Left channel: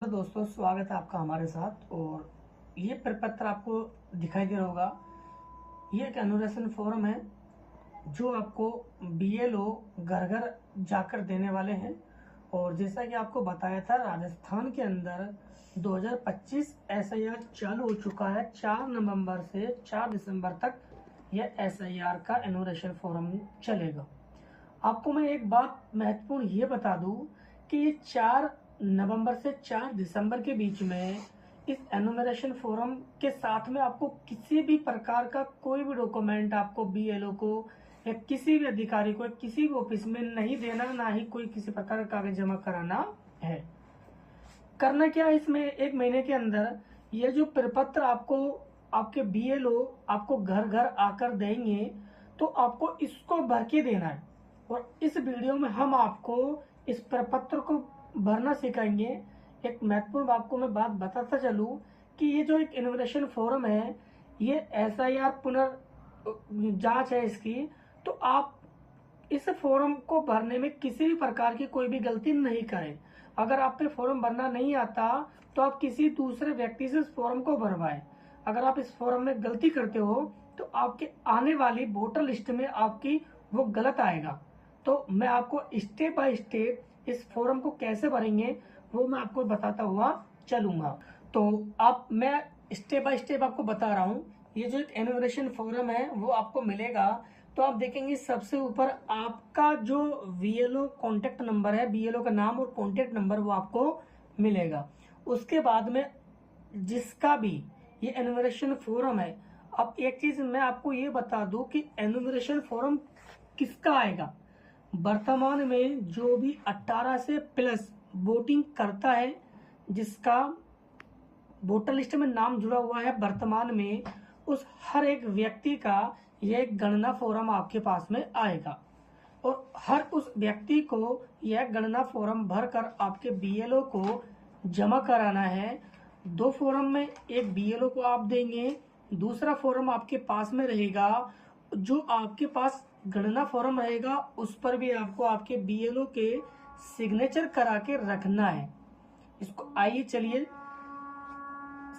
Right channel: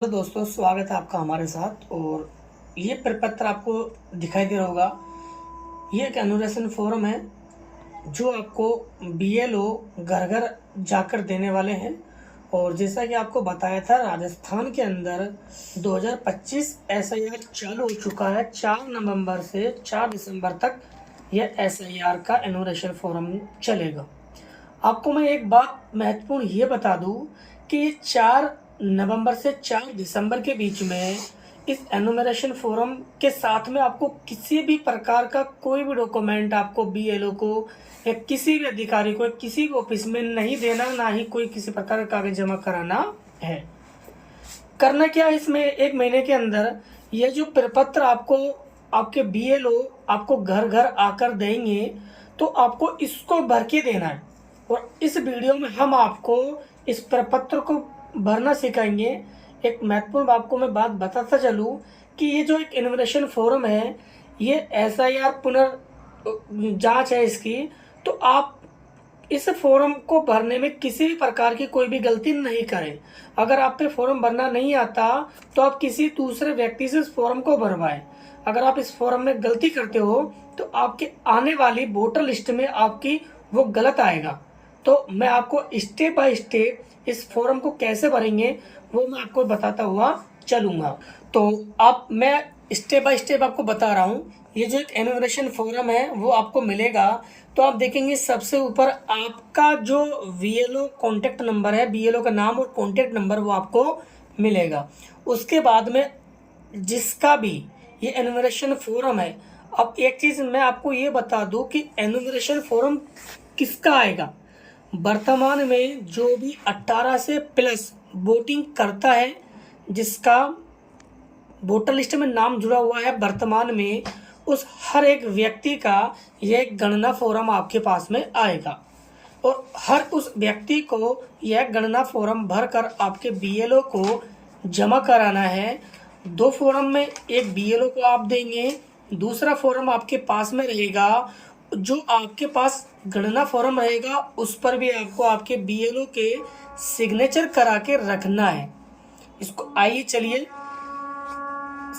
तो दोस्तों स्वागत है आपका हमारे साथ। और ये प्रपत्र आपको दिखाई दे रहा होगा। ये एक एनुरेशन फोरम है जो आपको बीएलओ घर घर जाकर देने वाले हैं। और जैसा कि आपको बताया था, राजस्थान के अंदर 2025 एसआईआर चालू हो चुका है। 4 नवंबर से 4 दिसंबर तक यह एसआईआर का एनुरेशन फोरम चलेगा। आपको मैं एक बात महत्वपूर्ण ये बता दूं कि ये 4 नवंबर से 4 दिसंबर के बीच में इस एनुमरेशन फोरम के साथ में आपको किसी भी प्रकार का कोई भी डॉक्यूमेंट आपको बीएलओ को या किसी भी अधिकारी को किसी भी ऑफिस में नहीं देना, ना ही कोई किसी प्रकार का कागज जमा कराना है। करना क्या है, इसमें 1 महीने के अंदर यह जो प्रपत्र आपको आपके बीएलओ आपको घर घर आकर देंगे, तो आपको इसको भर के देना है। और इस वीडियो में हम आपको इस प्रपत्र को भरना सिखाएंगे। एक महत्वपूर्ण आपको मैं बात बताता चलूँ कि ये जो एक इन्वेस्टिगेशन फोरम है, ये एसआईआर पुनर्जांच है इसकी। तो आप इस फोरम को भरने में किसी भी प्रकार की कोई भी गलती नहीं करें। अगर आप पे फॉर्म भरना नहीं आता तो आप किसी दूसरे व्यक्ति से इस फॉर्म को भरवाएं। अगर आप इस फॉर्म में गलती करते हो तो आपके आने वाली वोटर लिस्ट में आपकी वो गलत आएगा। तो मैं आपको स्टेप बाय स्टेप इस फॉर्म को कैसे भरेंगे वो मैं आपको बताता हुआ चलूंगा। तो मैं स्टेप बाय स्टेप आपको बता रहा हूँ। ये जो एक एनुमरेशन फॉर्म है वो आपको मिलेगा। तो आप देखेंगे सबसे ऊपर आपका जो बीएलओ कॉन्टेक्ट नंबर है, बीएलओ का नाम और कॉन्टेक्ट नंबर वो आपको मिलेगा। उसके बाद में जिसका भी ये एनुमरेशन फॉर्म है, अब एक चीज मैं आपको ये बता दूं कि एनुमरेशन फॉर्म किसका आएगा। वर्तमान में जो भी 18 से प्लस वोटिंग करता है, जिसका वोटर लिस्ट में नाम जुड़ा हुआ है वर्तमान में, उस हर एक व्यक्ति का यह गणना फॉर्म आपके पास में आएगा। और हर उस व्यक्ति को यह गणना फॉर्म भरकर आपके बीएलओ को जमा कराना है। 2 फॉर्म में एक बीएलओ को आप देंगे, दूसरा फॉर्म आपके पास में रहेगा। जो आपके पास गणना फॉर्म रहेगा उस पर भी आपको आपके बीएलओ के सिग्नेचर करा के रखना है। इसको आइए चलिए,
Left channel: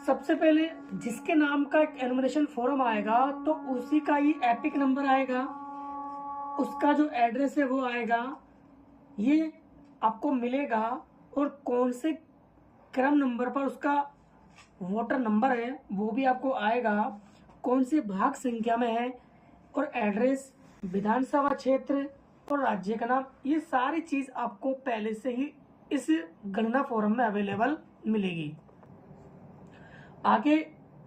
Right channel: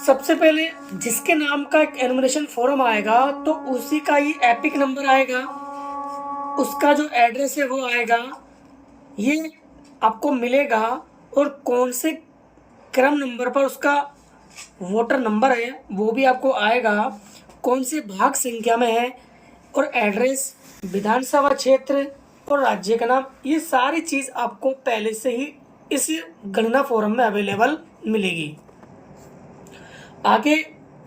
सबसे पहले जिसके नाम का एक एनुमरेशन फॉर्म आएगा तो उसी का ये एपिक नंबर आएगा, उसका जो एड्रेस है वो आएगा, ये आपको मिलेगा। और कौन से क्रम नंबर पर उसका वोटर नंबर है वो भी आपको आएगा, कौन से भाग संख्या में है, और एड्रेस, विधानसभा क्षेत्र और राज्य का नाम, ये सारी चीज़ आपको पहले से ही इस गणना फॉर्म में अवेलेबल मिलेगी। आगे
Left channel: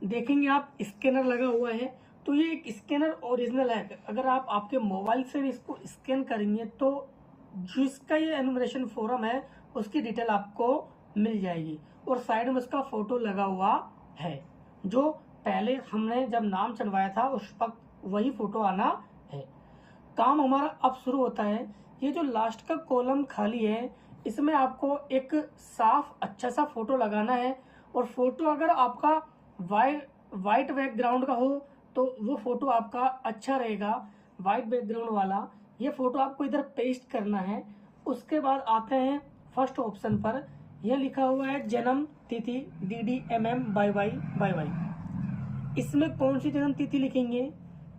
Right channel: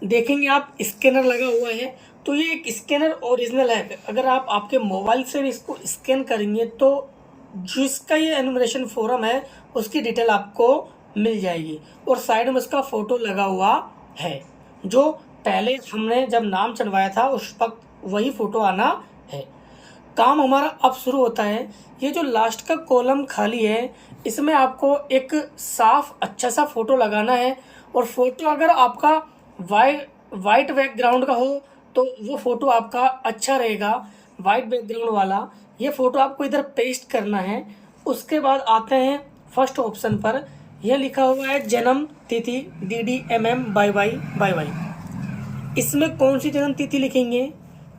देखेंगे आप स्कैनर लगा हुआ है, तो ये एक स्कैनर ओरिजिनल है। अगर आप आपके मोबाइल से भी इसको स्कैन करेंगे तो जिसका ये एनुमरेशन फॉर्म है उसकी डिटेल आपको मिल जाएगी। और साइड में उसका फोटो लगा हुआ है, जो पहले हमने जब नाम चढ़वाया था उस वक्त वही फोटो आना है। काम हमारा अब शुरू होता है। ये जो लास्ट का कॉलम खाली है इसमें आपको एक साफ अच्छा सा फोटो लगाना है। और फोटो अगर आपका वाइट बैकग्राउंड का हो तो वो फोटो आपका अच्छा रहेगा, वाइट बैकग्राउंड वाला। ये फोटो आपको इधर पेस्ट करना है। उसके बाद आते हैं फर्स्ट ऑप्शन पर, यह लिखा हुआ है जन्म तिथि DDMM YY। इसमें कौन सी जन्म तिथि लिखेंगे।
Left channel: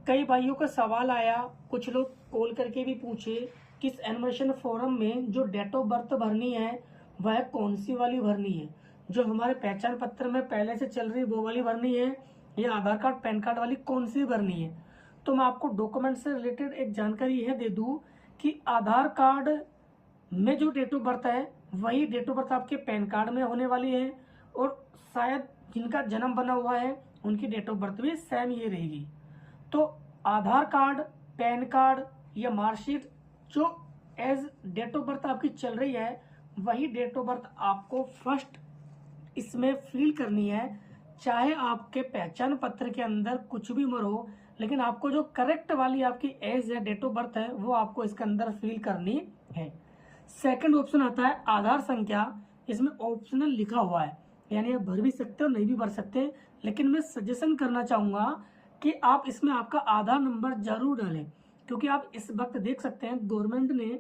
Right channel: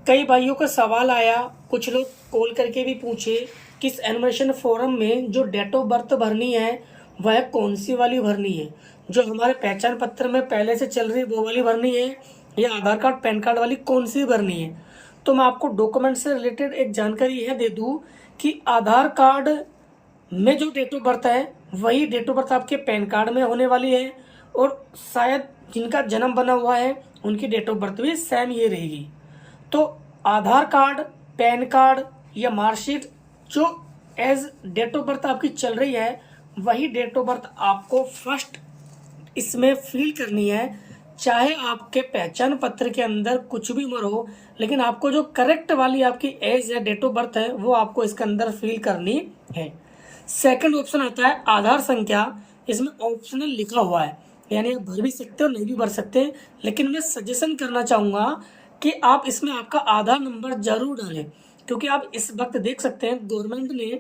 कई भाइयों का सवाल आया, कुछ लोग कॉल करके भी पूछे कि इस एनुमरेशन फॉर्म में जो डेट ऑफ बर्थ भरनी है वह कौन सी वाली भरनी है, जो हमारे पहचान पत्र में पहले से चल रही वो वाली भरनी है या आधार कार्ड पैन कार्ड वाली कौन सी भरनी है। तो मैं आपको डॉक्यूमेंट से रिलेटेड एक जानकारी यह दे दूं कि आधार कार्ड में जो डेट ऑफ बर्थ है वही डेट ऑफ बर्थ आपके पैन कार्ड में होने वाली है। और शायद जिनका जन्म बना हुआ है उनकी डेट ऑफ बर्थ भी सेम ये रहेगी। तो आधार कार्ड, पैन कार्ड या मार्कशीट जो एज डेट ऑफ बर्थ आपकी चल रही है वही डेट ऑफ बर्थ आपको फर्स्ट इसमें फिल करनी है। चाहे आपके पहचान पत्र के अंदर कुछ भी उम्र हो, लेकिन आपको जो करेक्ट वाली आपकी एज है, डेट ऑफ बर्थ है, वो आपको इसके अंदर फिल करनी है। सेकंड ऑप्शन आता है आधार संख्या। इसमें ऑप्शनल लिखा हुआ है, यानी आप भर भी सकते हो नहीं भी भर सकते, लेकिन मैं सजेशन करना चाहूँगा कि आप इसमें आपका आधार नंबर जरूर डालें। क्योंकि आप इस वक्त देख सकते हैं गवर्नमेंट ने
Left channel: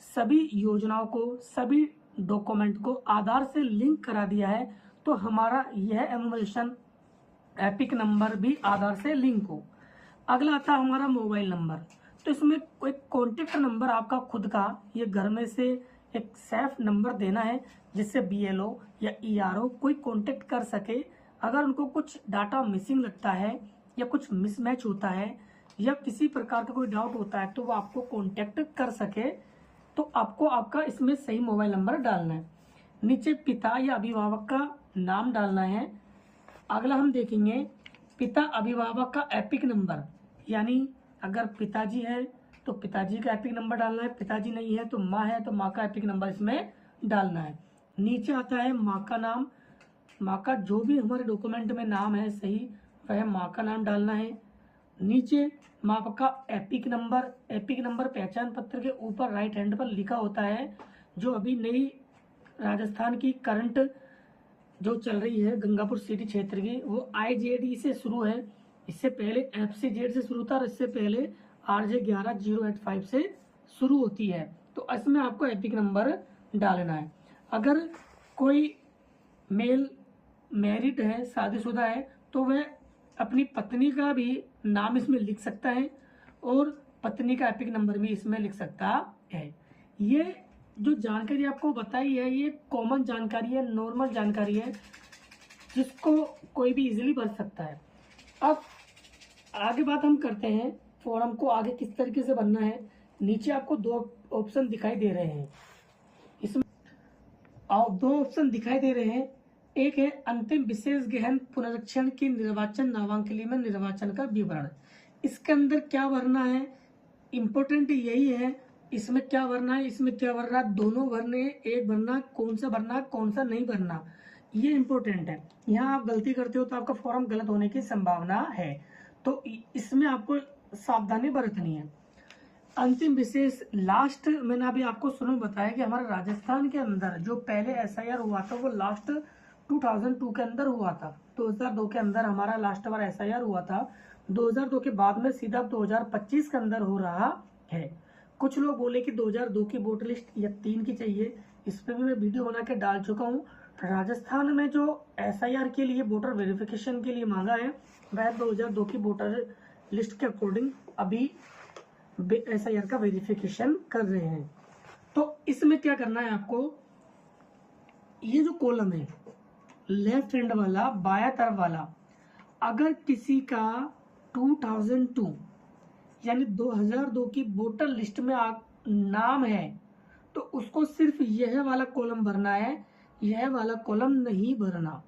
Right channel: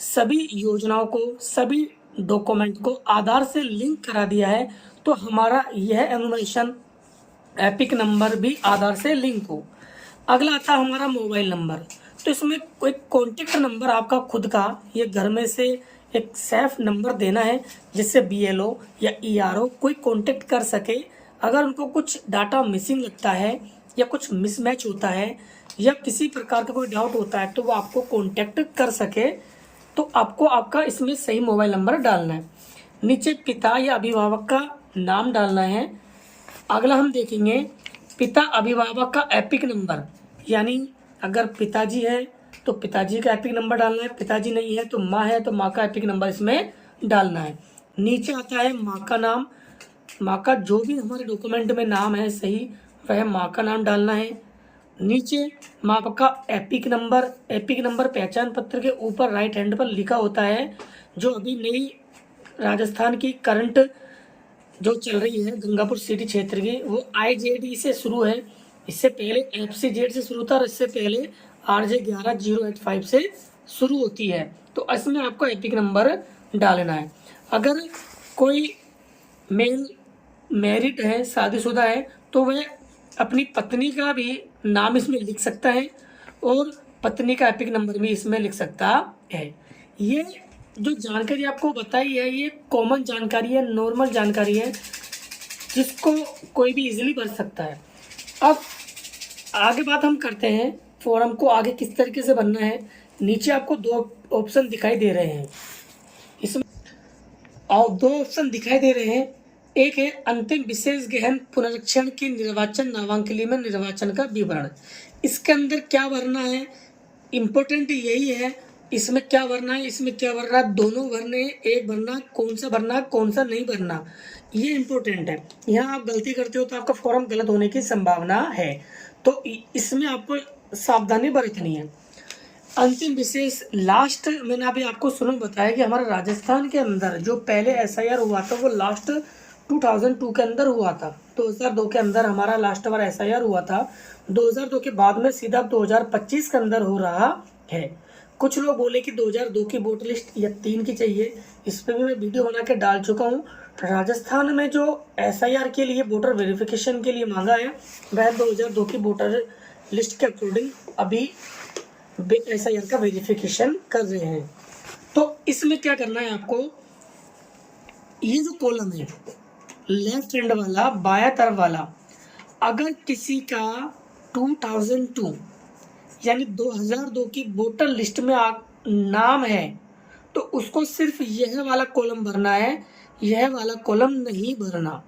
सभी योजनाओं को, सभी डॉक्यूमेंट को आधार से लिंक करा दिया है तो हमारा यह एनुमरेशन एपिक नंबर भी आधार से लिंक हो। अगला आता है हमारा मोबाइल नंबर। तो इसमें कोई कॉन्टेक्ट नंबर आपका खुद का, ये घर में से एक सेफ नंबर देना है जिससे बीएलओ या ईआरओ कोई कांटेक्ट कर सके। अगर उनको कुछ डाटा मिसिंग लगता है या कुछ मिसमैच होता है या किसी प्रकार का कोई डाउट होता है तो वो आपको कांटेक्ट कर सके। तो आपको आपका इसमें सही मोबाइल नंबर डालना है। नीचे पिता या अभिभावक का नाम डालना है। अगला हम देखेंगे पिता अभिभावक का एपिक नंबर, यानी अगर पिताजी है तो पिताजी का एपिक नंबर डालना है, पिताजी नहीं है तो माँ है तो माँ का एपिक नंबर इसमें डालना है। नीचे आता है माँ का नाम, माँ का जो भी हमारे डॉक्यूमेंट में नाम है सही वह माँ का नाम डालना है। नीचे माँ का एपिक नंबर पहचान पत्र के ऊपर राइट हैंड पर लिखा होता है। जो अभी नई राजस्थान की करंट जो चल रही है गंगापुर सिटी क्षेत्र की, वो IJD से शुरू है। इससे पहले FCZ से शुरू था और इससे पहले RJ11085 से शुरू होती है। तो इसमें आपको एपिक नंबर डालना है। अगर कोई मेल मैरिड है, शादीशुदा है, तो वह अपनी पत्नी का भी नाम इसमें लिख सकता है और पत्नी का एपिक नंबर भी इसमें लिख सकता है। ये जो जानकारी आपको बताई है ये कॉमन जानकारी है, नॉर्मल जानकारी है जिसको कोई भी इजीली भर सकता है। अब आगे बात हम करते हैं फॉर्म को आगे किस तरीके से भरना है। नीचे आपको दो ऑप्शन दिखाई दे रहे हैं, इसमें दो ऑप्शन दिखाई दे रहे हैं। एक है अंतिम विशेष गहन पुनरीक्षण की निर्वाचन नामांकन में निर्वाचन का विवरण। इसके अंदर क्या भरना है, इम्पोर्टेंट यही है। इसमें क्या भरना है, इसमें क्या भरना है, दोनों भरने, एक भरना, कौन सा भरना कौन सा नहीं भरना, ये इम्पोर्टेंट है। यहाँ आप गलती करते हो तो आपका फॉर्म गलत होने की संभावना है, तो इसमें आपको सावधानी बरतनी है। अंतिम विशेष लास्ट मैंने अभी आपको सुनो बताया कि हमारे राजस्थान के अंदर जो पहले SIR हुआ था वो लास्ट 2002 के अंदर हुआ था। 2002 के अंदर हमारा लास्ट बार SIR हुआ था। 2002 के बाद में सीधा 2025 के अंदर हो रहा है। कुछ लोग बोले कि 2002 की वोटर लिस्ट या 3 की चाहिए, इस पर भी मैं वीडियो बना के डाल चुका हूँ। राजस्थान में जो SIR के लिए वोटर वेरिफिकेशन के लिए मांगा है वह 2002 की वोटर लिस्ट के अकॉर्डिंग अभी SIR का वेरिफिकेशन कर रहे हैं। तो इसमें क्या करना है आपको, ये जो कॉलम है लेफ्ट हैंड वाला बाया तरफ वाला, अगर किसी का 2002 यानी 2002 की वोटर लिस्ट में नाम है तो उसको सिर्फ यह वाला कॉलम भरना है, यह वाला कॉलम नहीं भरना।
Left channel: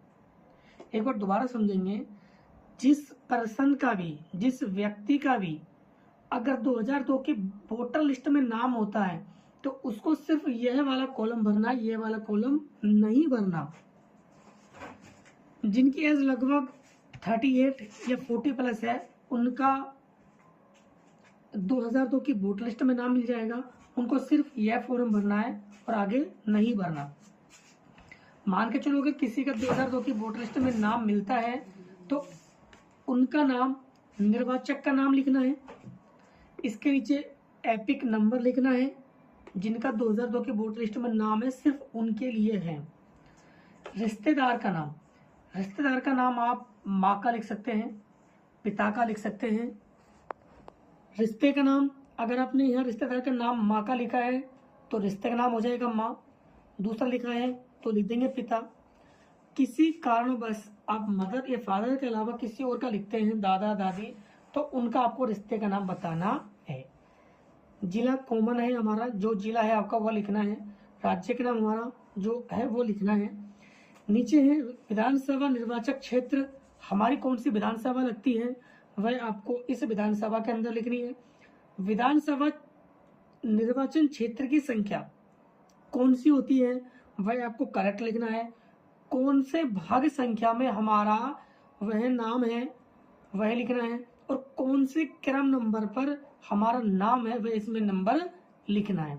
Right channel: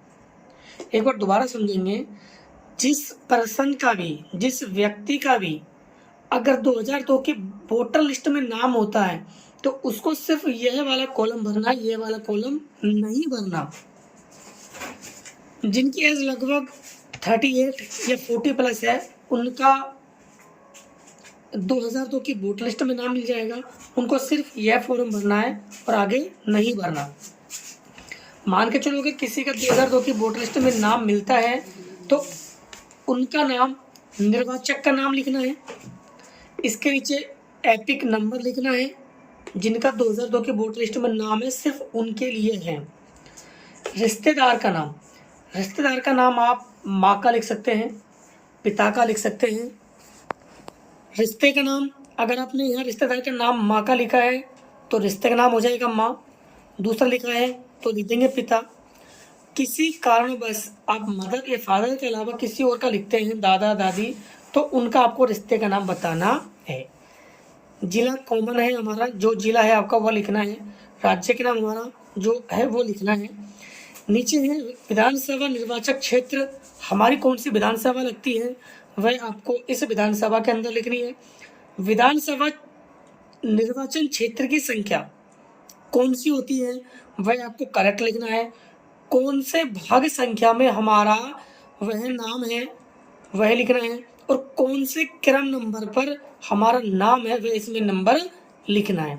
एक बार दोबारा समझेंगे, जिस पर्सन का भी, जिस व्यक्ति का भी अगर 2002 की वोटर लिस्ट में नाम होता है तो उसको सिर्फ यह वाला कॉलम भरना है, यह वाला कॉलम नहीं भरना। जिनकी एज लगभग 38 या 40 प्लस है उनका 2002 की वोटर लिस्ट में नाम मिल जाएगा, उनको सिर्फ यह फॉर्म भरना है और आगे नहीं भरना। मान के चलो कि किसी का 2002 की वोटर लिस्ट में नाम मिलता है तो उनका नाम, निर्वाचक का नाम लिखना है, इसके नीचे एपिक नंबर लिखना है। जिनका 2002 की वोटर लिस्ट में नाम है सिर्फ उनके लिए है। रिश्तेदार का नाम, रिश्तेदार का नाम आप माँ का लिख सकते हैं, पिता का लिख सकते हैं। रिश्ते का नाम, अगर आपने यहाँ रिश्तेदार का नाम माँ का लिखा है तो रिश्ते का नाम हो जाएगा माँ, दूसरा लिखा है तो लिख देंगे पिता। किसी कारणवश आप मदर या फादर के अलावा किसी और का लिखते हैं, दादा दादी, तो उनका आपको रिश्ते का नाम बताना है। जिला कॉमन है हमारा, जो जिला है आपका वो लिखना है। राज्य के नाम हमारा जो है वो लिखना है। नीचे है विधानसभा निर्वाचक क्षेत्र, हमारी कौन सी विधानसभा लगती है वह आपको इस विधानसभा के अंदर लिखनी है। विधानसभा निर्वाचन क्षेत्र की संख्या कौन सी होती है वह आपको करेक्ट लिखना है। कौन से भाग संख्या में हमारा वह नाम है वह लिखना है और कौन से क्रम नंबर पर हमारा नाम है वह इसमें नंबर लिखना है।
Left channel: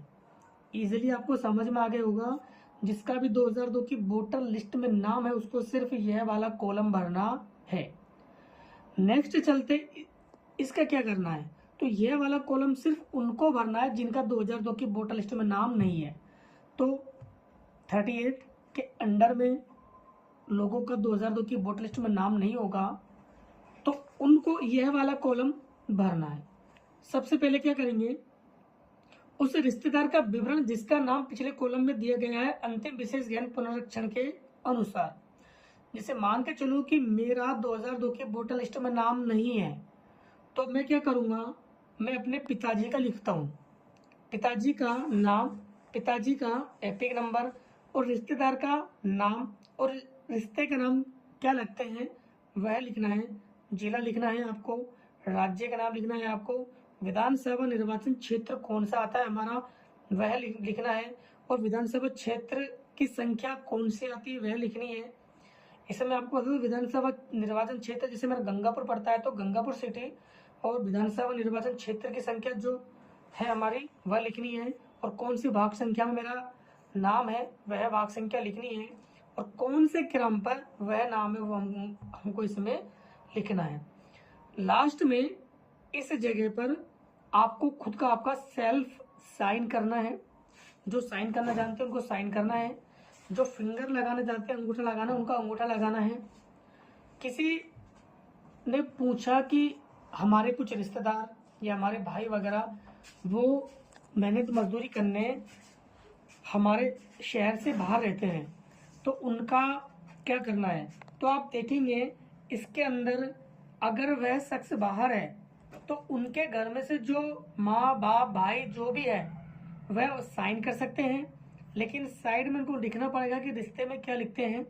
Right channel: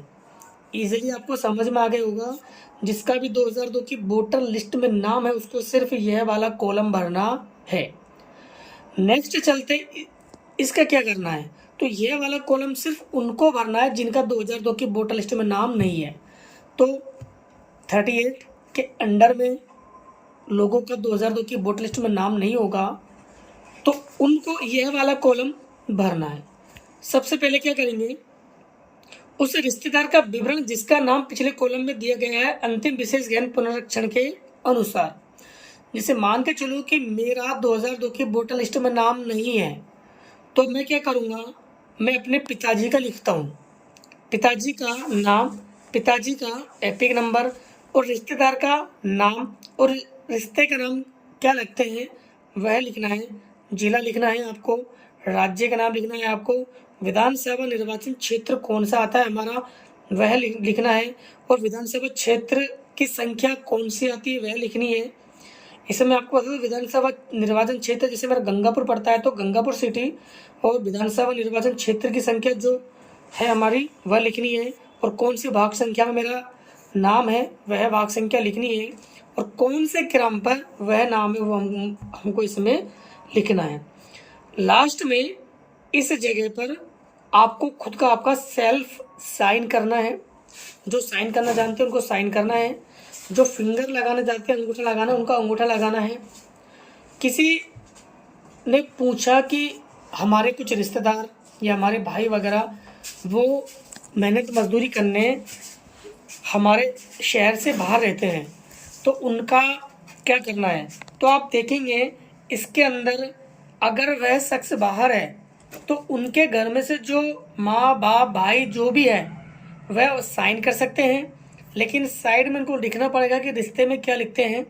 इजीली आपको समझ में आ गया होगा। जिसका भी 2002 की वोटर लिस्ट में नाम है उसको सिर्फ यह वाला कॉलम भरना है। नेक्स्ट चलते, इसका क्या करना है, तो यह वाला कॉलम सिर्फ उनको भरना है जिनका 2002 की वोटर लिस्ट में नाम नहीं है। तो 38 के अंडर में लोगों का 2002 की वोटर लिस्ट में नाम नहीं होगा तो उनको यह वाला कॉलम भरना है। सबसे पहले क्या करेंगे, उस रिश्तेदार का विवरण जिसका नाम पिछले कॉलम में दिया गया है अंतिम विशेष गहन पुनरीक्षण के अनुसार। जैसे मान के चलो कि मेरा 2002 की वोटर लिस्ट में नाम नहीं है तो मैं क्या करूँगा, मैं अपने पिताजी का लिखता हूँ, पिताजी का नाम, पिताजी का एपिक नंबर और रिश्तेदार का नाम और रिश्ते का नाम क्या लगते हैं वह लिखना है, जिला लिखना है आपको, राज्य का नाम लिखना है आपको, विधानसभा निर्वाचन क्षेत्र कौन सा आता है हमारा वह लिखना है और विधानसभा क्षेत्र की संख्या कौन सी आती है वह लिखनी है। इसे मैं आपको बता दूं, विधानसभा निर्वाचन क्षेत्र जैसे मेरा गंगापुर पड़ता है तो गंगापुर सिटी और विधानसभा निर्वाचन क्षेत्र की संख्या जो है हमारी वह लिखनी है और कौन सी भाग संख्या में मेरा नाम है वह भाग संख्या लिखनी है और कौन से क्रम पर वह नाम है वो हमको इसमें लिखना है। लास्ट में इस जगह पर आपको खुद का आपका सेल्फ साइन करना है, जो साइन करना जानते हैं उनको साइन करना है, जो फिंगर लगाने जानते हैं अंगूठा लगाना उनका अंगूठा लगाना है। किसी ने पूछा कि हमारे कुछ रिश्तेदार या हमारे भाई वगैरह वो मेहनत मजदूरी करने हमारे शहर से बाहर रहते हैं तो उनका क्या करना है, तो आप देखेंगे इसके अंदर अगर वह शख्स बाहर है तो उनके घर में से जो माँ बाप भाई जो भी है वह साइन कर सकते हैं, लेकिन साइड में उनको लिखना पड़ेगा कि रिश्ते में क्या लिखते हैं।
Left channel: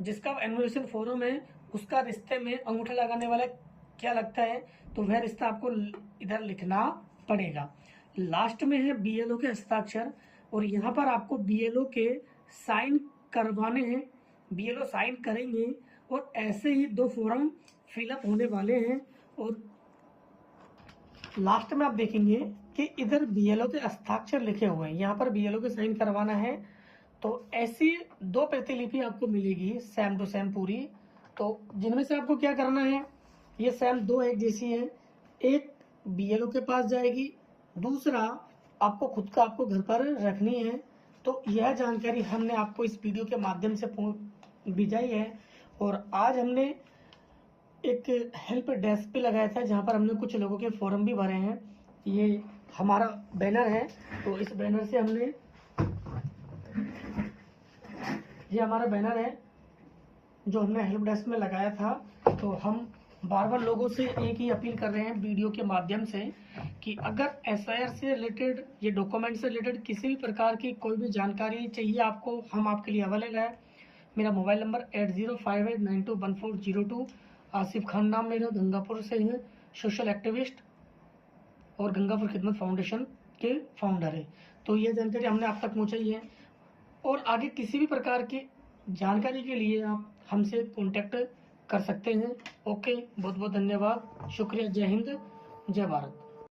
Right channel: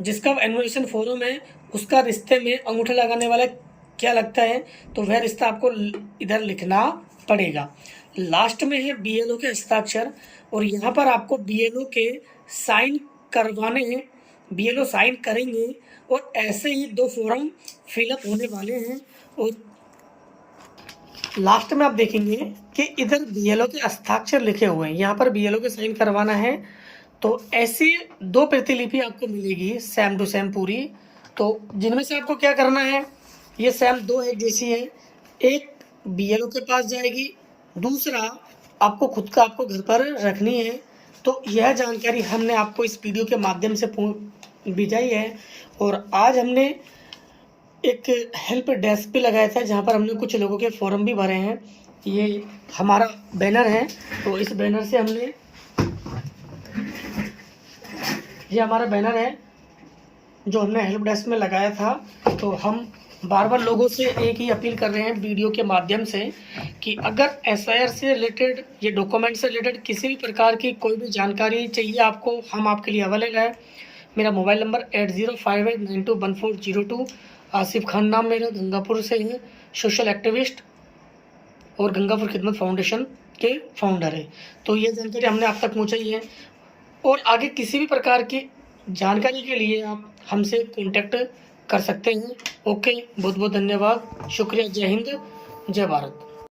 जिसका एनुमरेशन फॉर्म है उसका रिश्ते में अंगूठा लगाने वाला क्या लगता है तो वह रिश्ता आपको इधर लिखना पड़ेगा। लास्ट में है बीएलओ के हस्ताक्षर और यहाँ पर आपको बीएलओ के साइन करवाने हैं, बीएलओ साइन करेंगे और ऐसे ही 2 फॉर्म फिलअप होने वाले हैं और लास्ट में आप देखेंगे कि इधर बीएलओ के हस्ताक्षर लिखे हुए हैं, यहाँ पर बीएलओ के साइन करवाना है। तो ऐसी 2 प्रतिलिपि आपको मिलेगी सेम टू सेम पूरी, तो जिनमें से आपको क्या करना है, ये सेम 2 एक जैसी है, एक बीएलओ के पास जाएगी, दूसरा आपको खुद का आपको घर पर रखनी है। तो यह जानकारी हमने आपको इस वीडियो के माध्यम से भिजाई है और आज हमने एक हेल्प डेस्क भी लगाया था जहाँ पर हमने कुछ लोगों के फॉर्म भी भरे हैं। ये हमारा बैनर है, तो इस बैनर से हमने, ये हमारा बैनर है जो हमने हेल्प डेस्क में लगाया था। तो हम बार बार लोगों से एक ही अपील कर रहे हैं वीडियो के माध्यम से कि अगर एसआईआर से रिलेटेड ये डॉक्यूमेंट से रिलेटेड किसी भी प्रकार की कोई भी जानकारी चाहिए आपको, हम आपके लिए अवेलेबल है। मेरा मोबाइल नंबर 8058921402। आसिफ खान नाम मेरा, गंगापुर से है, सोशल एक्टिविस्ट और गंगापुर खिदमत फाउंडेशन के फाउंडर है। तो ये जानकारी हमने आप तक पहुँचाई है और आगे किसी भी प्रकार की जानकारी के लिए आप हमसे कांटेक्ट कर सकते हैं। ओके, बहुत बहुत धन्यवाद, शुक्रिया, जय हिंद, जय भारत।